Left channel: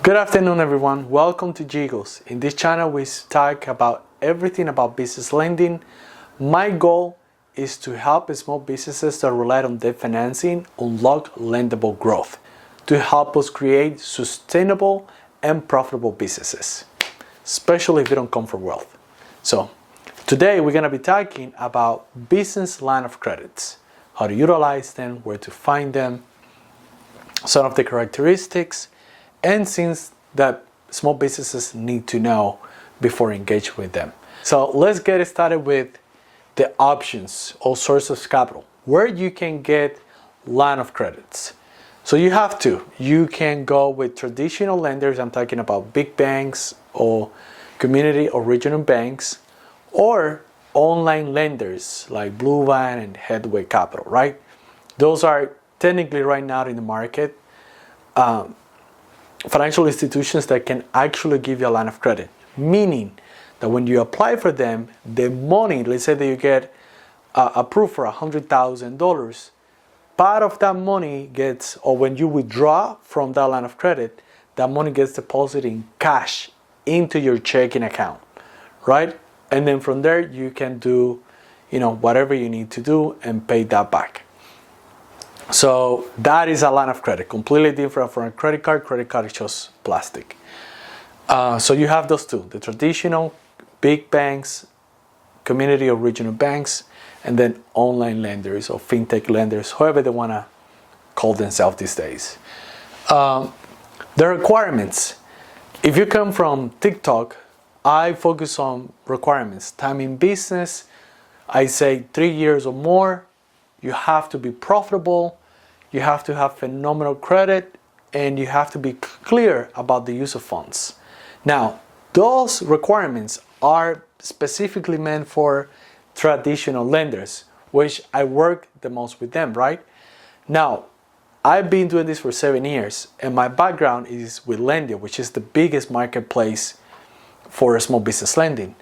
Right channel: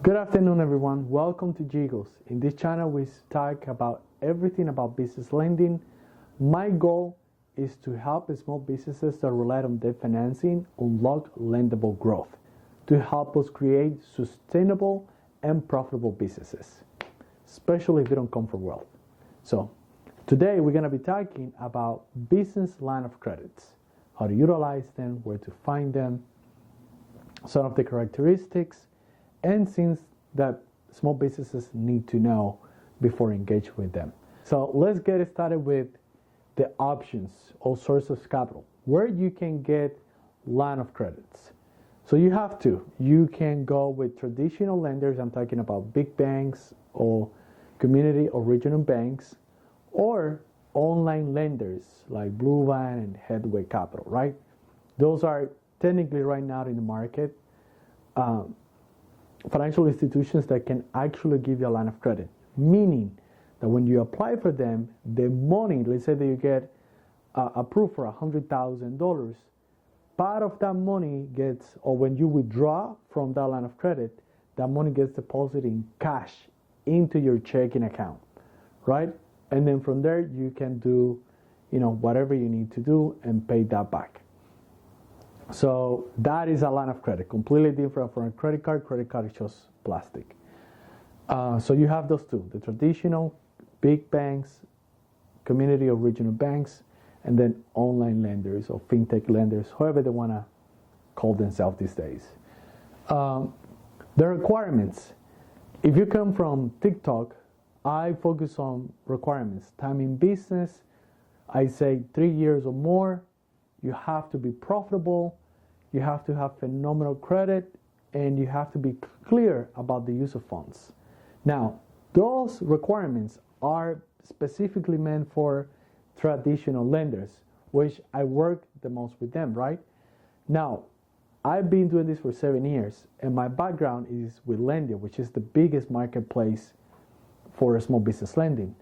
Good afternoon, everyone. Welcome to Jiggles. In this channel, we talk about everything about business lending. My goal is to help small businesses that rely on debt financing unlock lendable growth to help us create sustainable and profitable businesses, especially if you don't come from wealth. So today we're going to be talking about business line of credits, how to utilize them, where to find them, some of the characteristics, and things that small businesses need to know before engaging with them. So let's get started with the options or source of capital, where you can get line of credits. So you can go with traditional lenders. I'm talking about big banks or community or regional banks, or online lenders like Blue Vine and Headway Capital, right? Those are technically right now in the market financial institutions that can actually give you a line of credit, meaning that when you apply for them, the money, let's say that you get approved for $100,000, part of that money gets, or when you withdraw from that line of credit, that money gets deposited in cash into your checking account, right? And then from there, you can do, whatever you need to do and pay that back. So that is a line of credit, completely different from a credit card. Credit card is just plastic. So you have those two, the traditional big banks, community or regional banks, and then online lenders or fintech lenders, however they want to call themselves these days. The requirements. If you come from TikTok, I focus on requirements. Time in business, I say 3 years or more. You have to be profitable, you have to have phenomenal credit, and you have to be clear about the use of funds. Now, those requirements are specifically meant for traditional lenders, which I work the most with them, right? Now, I've been doing this for 7 years, and my background is with Lendia, which is the biggest marketplace for small business lending.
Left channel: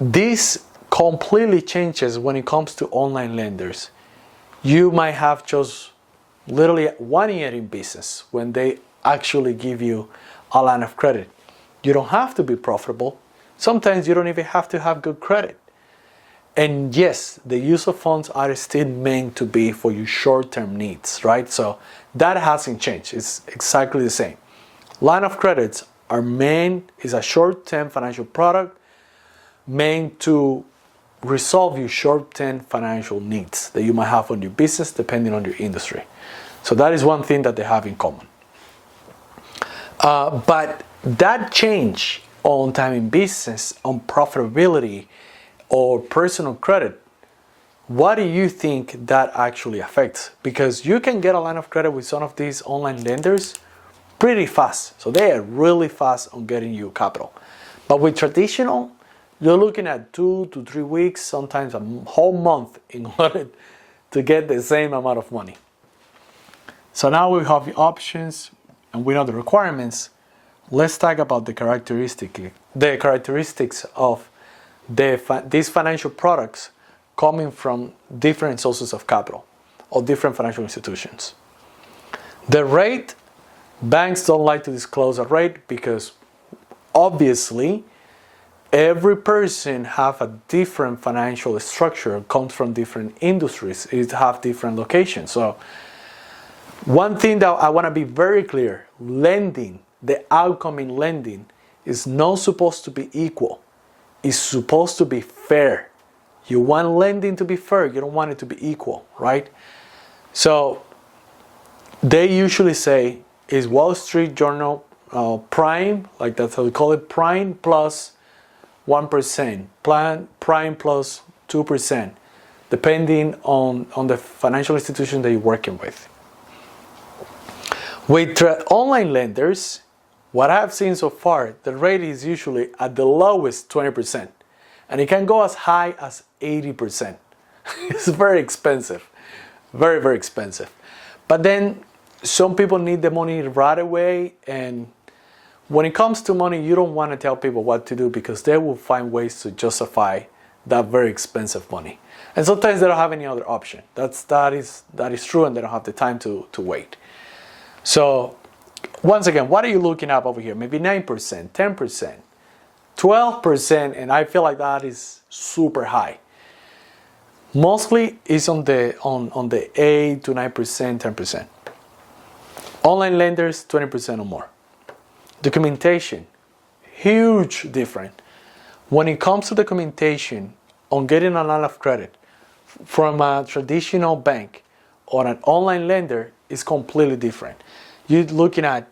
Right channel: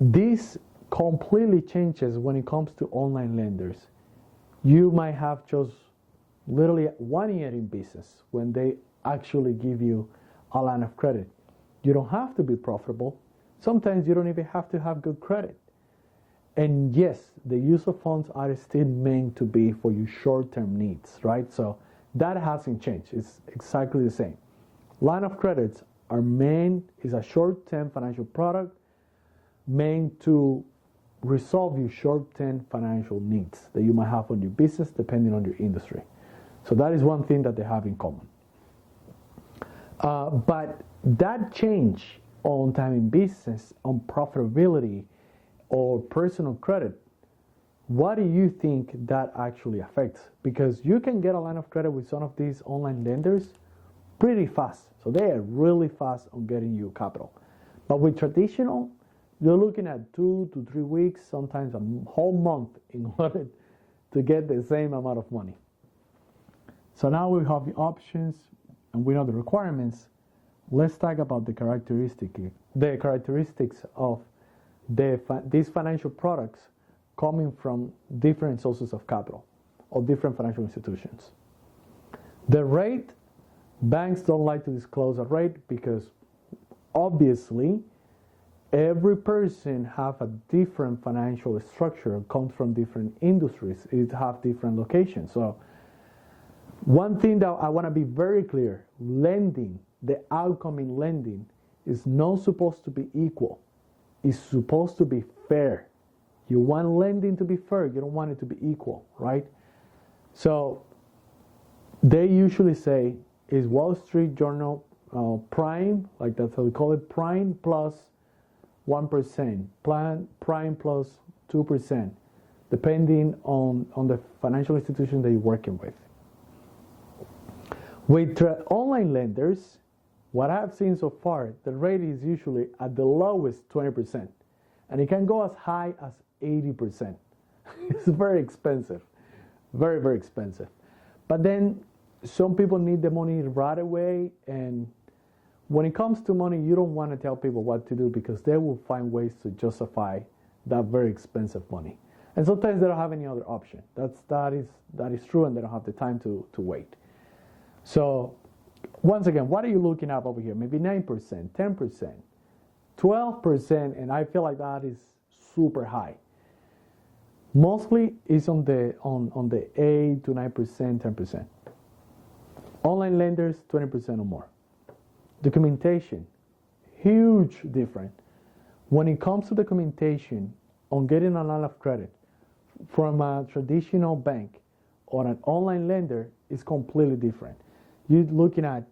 This completely changes when it comes to online lenders. You might have just literally 1 year in business when they actually give you a line of credit. You don't have to be profitable. Sometimes you don't even have to have good credit. And yes, the use of funds are still meant to be for your short-term needs, right? So that hasn't changed. It's exactly the same. Line of credits is a short-term financial product meant to resolve your short-term financial needs that you might have on your business depending on your industry. So that is one thing that they have in common. But that change on time in business, on profitability, or personal credit, what do you think that actually affects? Because you can get a line of credit with some of these online lenders pretty fast. So they are really fast on getting you capital. But with traditional, you're looking at 2 to 3 weeks, sometimes a whole month in order to get the same amount of money. So now we have the options and we know the requirements. Let's talk about the characteristics of these financial products coming from different sources of capital or different financial institutions. The rate, banks don't like to disclose a rate because obviously every person have a different financial structure, comes from different industries, it have different locations. So one thing that I want to be very clear, lending, the outcome in lending is not supposed to be equal. It's supposed to be fair. You want lending to be fair, you don't want it to be equal, right? So they usually say is Wall Street Journal prime, like that's how we call it, prime plus 1%, prime plus 2%, depending on the financial institution that you're working with. With online lenders, what I've seen so far, the rate is usually at the lowest 20%, and it can go as high as 80%. It's very expensive, very, very expensive. But then some people need the money right away, and when it comes to money, you don't want to tell people what to do because they will find ways to justify that very expensive money. And sometimes they don't have any other option. That is true, and they don't have the time to wait. So Once again, what are you looking at over here? Maybe 9%, 10%, 12%, and I feel like that is super high. Mostly is on the 8 to 9%, 10%. Online lenders, 20% or more. Documentation, huge difference. When it comes to documentation on getting a line of credit from a traditional bank or an online lender is completely different. You're looking at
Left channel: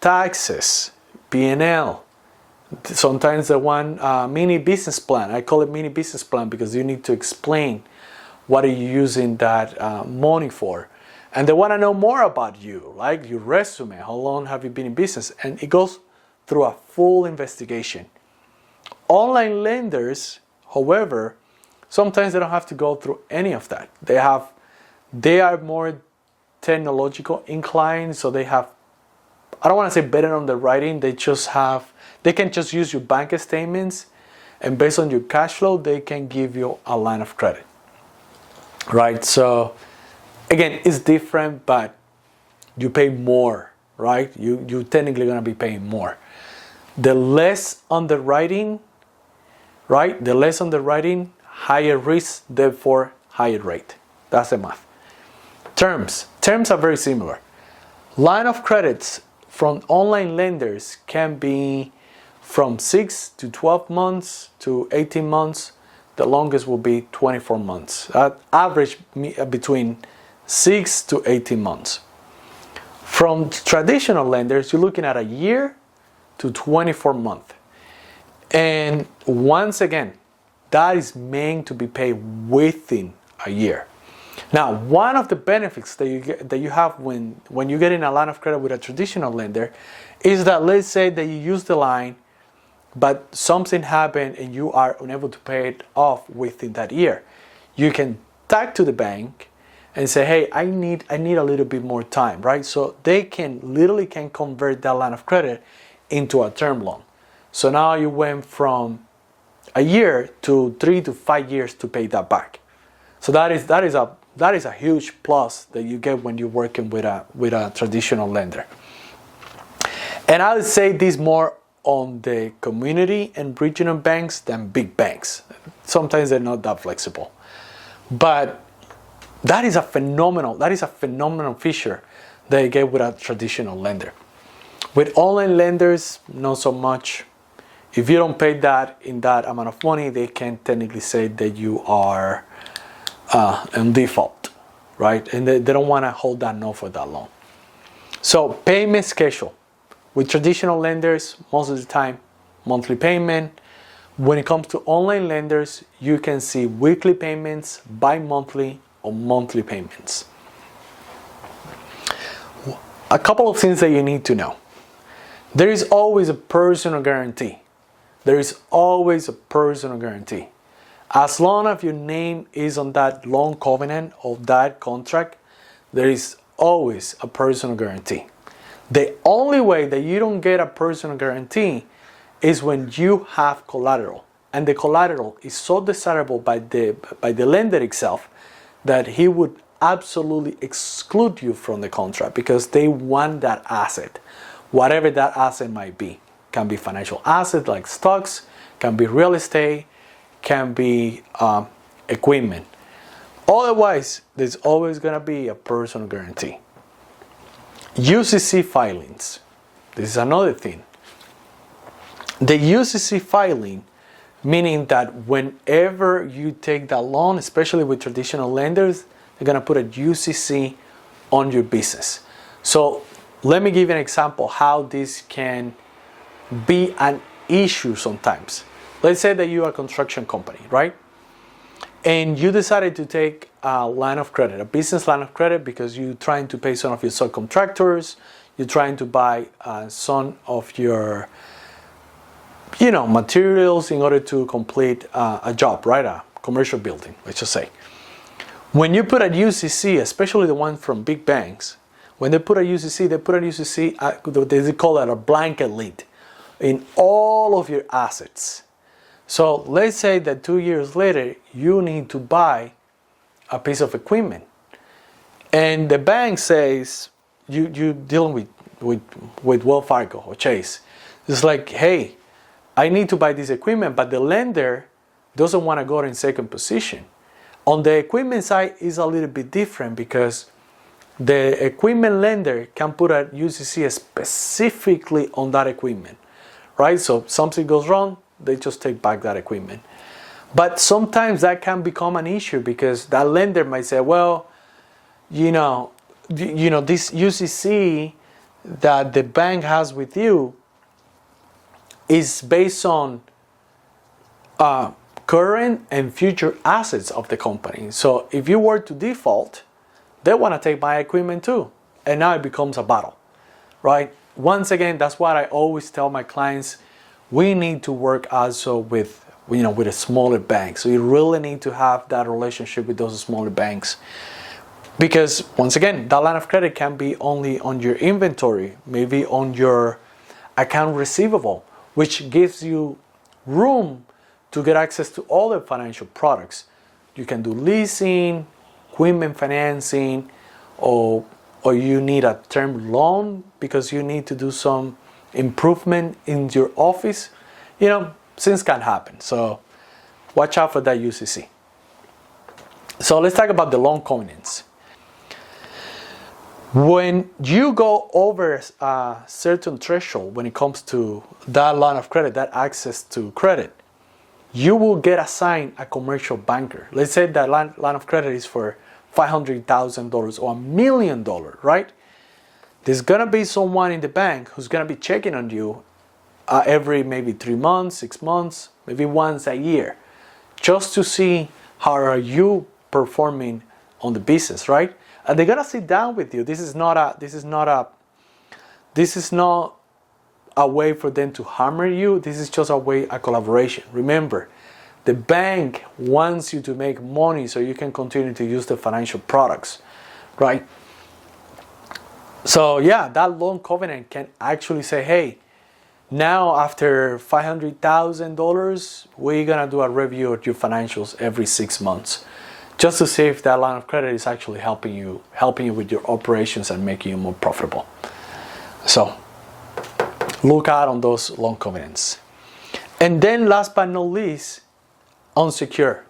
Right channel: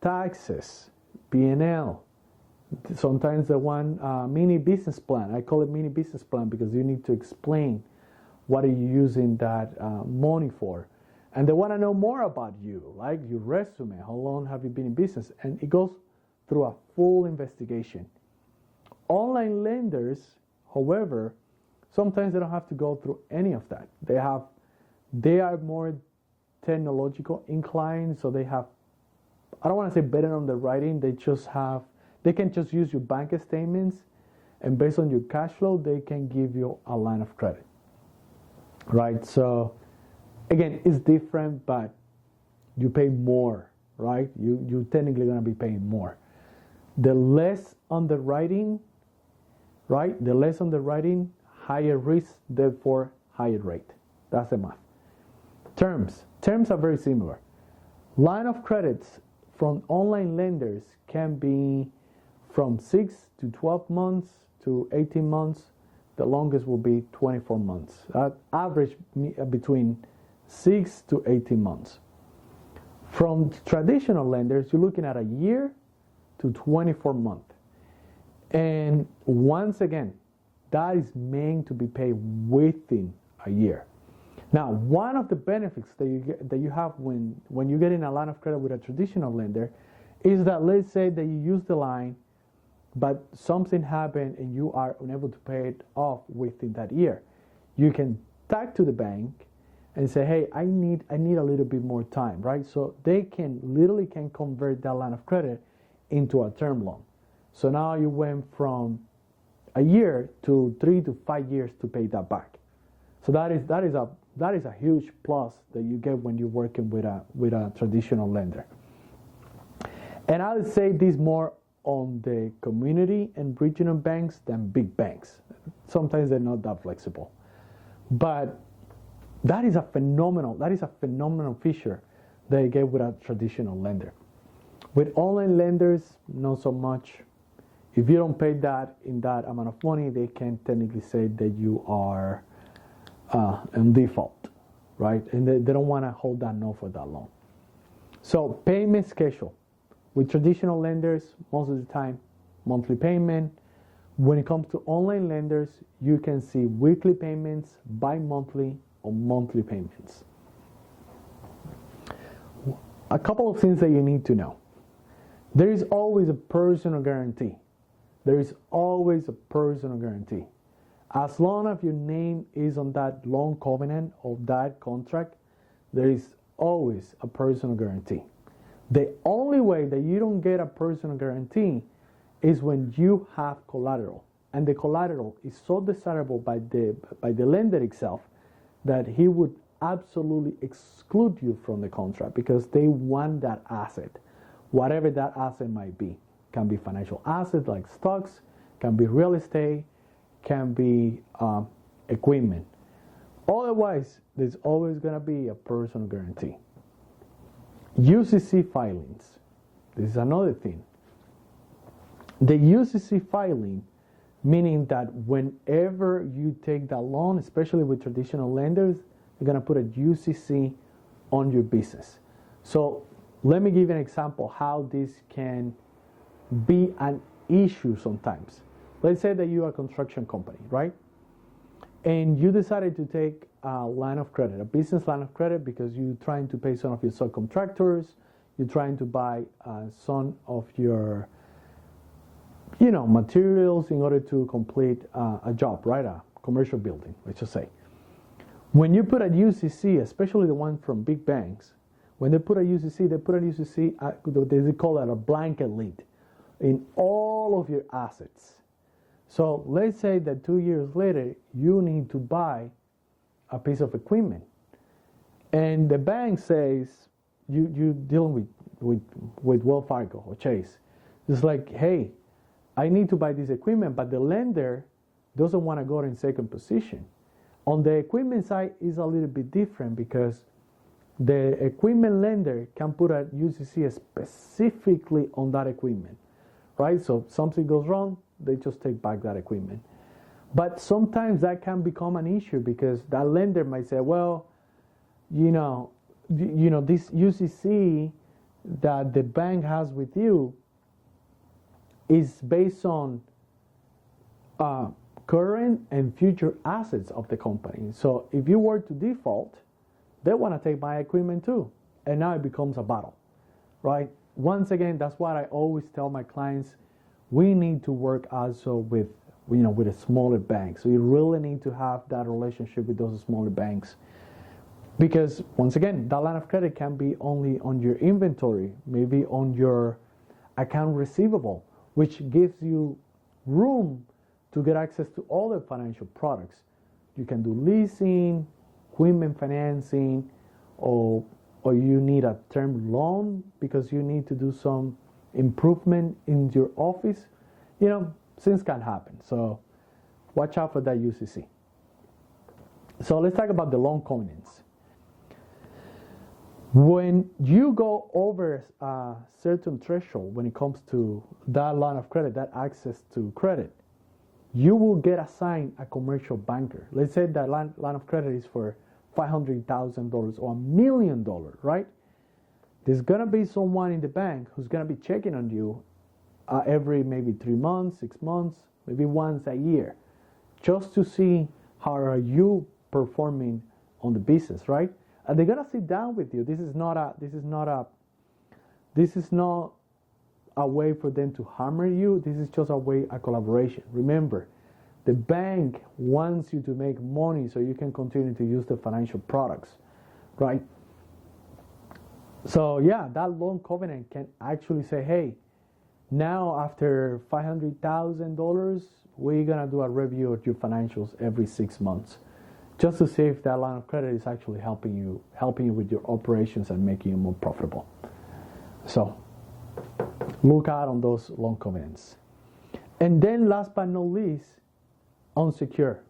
taxes, P&L, sometimes the one mini business plan. I call it mini business plan because you need to explain what are you using that money for. And they want to know more about you, like your resume, how long have you been in business? And it goes through a full investigation. Online lenders, however, sometimes they don't have to go through any of that. They are more technological inclined, so they have, I don't want to say better underwriting, they can just use your bank statements, and based on your cash flow, they can give you a line of credit, right? So again, it's different, but you pay more, right? You're technically going to be paying more. The less underwriting, right? The less underwriting, higher risk, therefore higher rate. That's the math. Terms are very similar. Line of credits from online lenders can be from 6 to 12 months to 18 months. The longest will be 24 months. Average between 6 to 18 months. From traditional lenders, you're looking at a year to 24 months. And once again, that is meant to be paid within a year. Now, one of the benefits that you have when you get in a line of credit with a traditional lender is that, let's say that you use the line, but something happened and you are unable to pay it off within that year. You can talk to the bank and say, hey, I need a little bit more time, right? So they can literally convert that line of credit into a term loan. So now you went from a year to 3 to 5 years to pay that back. So that is a huge plus that you get when you're working with a traditional lender. And I would say this more on the community and regional banks than big banks. Sometimes they're not that flexible. But that is a phenomenal feature that you get with a traditional lender. With online lenders, not so much. If you don't pay that in that amount of money, they can technically say that you are in default, right? And they don't want to hold that note for that long. So payment schedule. With traditional lenders, most of the time, monthly payment. When it comes to online lenders, you can see weekly payments, bi-monthly, or monthly payments. A couple of things that you need to know. There is always a personal guarantee. There is always a personal guarantee. As long as your name is on that loan covenant of that contract, there is always a personal guarantee. The only way that you don't get a personal guarantee is when you have collateral. And the collateral is so desirable by the lender itself that he would absolutely exclude you from the contract because they want that asset, whatever that asset might be. Can be financial asset like stocks, can be real estate, can be equipment. Otherwise, there's always going to be a personal guarantee. UCC filings. This is another thing. The UCC filing, meaning that whenever you take that loan, especially with traditional lenders, they're going to put a UCC on your business. So let me give you an example how this can be an issue sometimes. Let's say that you're a construction company, right? And you decided to take a line of credit, a business line of credit, because you're trying to pay some of your subcontractors, you're trying to buy some of your, materials in order to complete a job, right? A commercial building, let's just say. When you put a UCC, especially the one from big banks, when they put a UCC, they call it a blanket lien in all of your assets. So let's say that 2 years later, you need to buy a piece of equipment. And the bank says, you're dealing with with Wells Fargo or Chase. It's like, hey, I need to buy this equipment, but the lender doesn't want to go in second position. On the equipment side, it's a little bit different because the equipment lender can put a UCC specifically on that equipment, right? So something goes wrong, they just take back that equipment. But sometimes that can become an issue because that lender might say, well, this UCC that the bank has with you is based on current and future assets of the company. So if you were to default, they want to take my equipment too. And now it becomes a battle, right? Once again, that's what I always tell my clients. We need to work also with a smaller bank. So you really need to have that relationship with those smaller banks. Because once again, that line of credit can be only on your inventory, maybe on your account receivable, which gives you room to get access to all the financial products. You can do leasing, equipment financing, or you need a term loan because you need to do some improvement in your office. Things can happen. So watch out for that UCC. So let's talk about the loan covenants. When you go over a certain threshold when it comes to that line of credit, that access to credit, you will get assigned a commercial banker. Let's say that line of credit is for $500,000 or $1 million, right? There's going to be someone in the bank who's going to be checking on you every maybe 3 months, 6 months, maybe once a year, just to see how are you performing on the business, right? And they're gonna sit down with you. This is not a way for them to hammer you. This is just a collaboration. Remember, the bank wants you to make money so you can continue to use the financial products, right? So yeah, that loan covenant can actually say, hey, now after $500,000, we're gonna do a review of your financials every 6 months, just to see if that line of credit is actually helping you with your operations and making you more profitable. So look out on those loan covenants. And then last but not least, unsecured.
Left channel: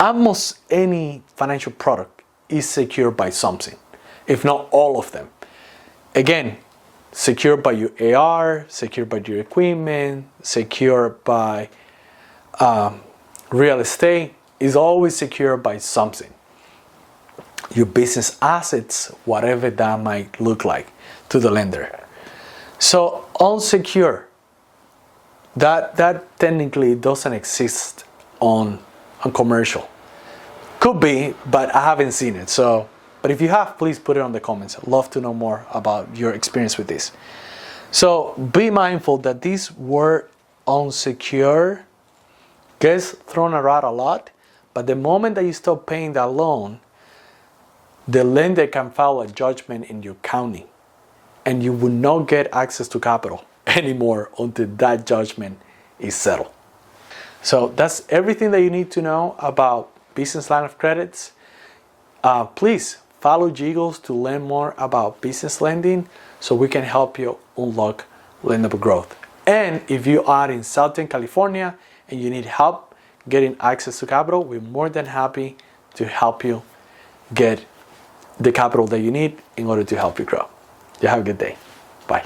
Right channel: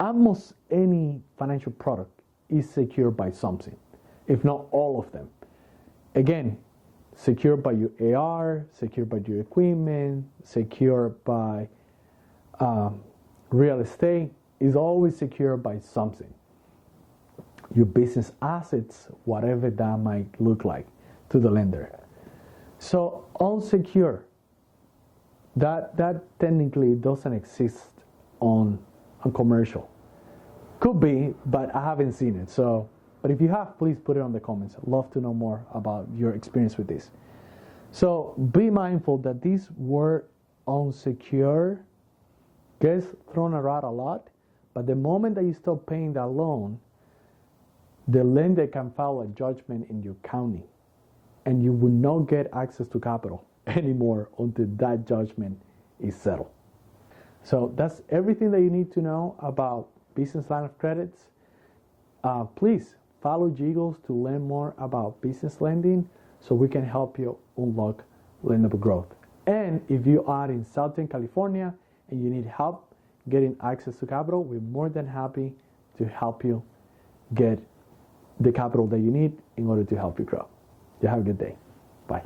Almost any financial product is secured by something, if not all of them. Again, secured by your AR, secured by your equipment, secured by real estate, is always secured by something. Your business assets, whatever that might look like to the lender. So unsecured, that technically doesn't exist on commercial. Could be, but I haven't seen it. So, but if you have, please put it on the comments. I'd love to know more about your experience with this. So be mindful that this word unsecured gets thrown around a lot, but the moment that you stop paying that loan, the lender can file a judgment in your county, and you will not get access to capital anymore until that judgment is settled. So that's everything that you need to know about business line of credits. Please follow Jiggles to learn more about business lending so we can help you unlock lendable growth. And if you are in Southern California and you need help getting access to capital, we're more than happy to help you get the capital that you need in order to help you grow. You have a good day. Bye.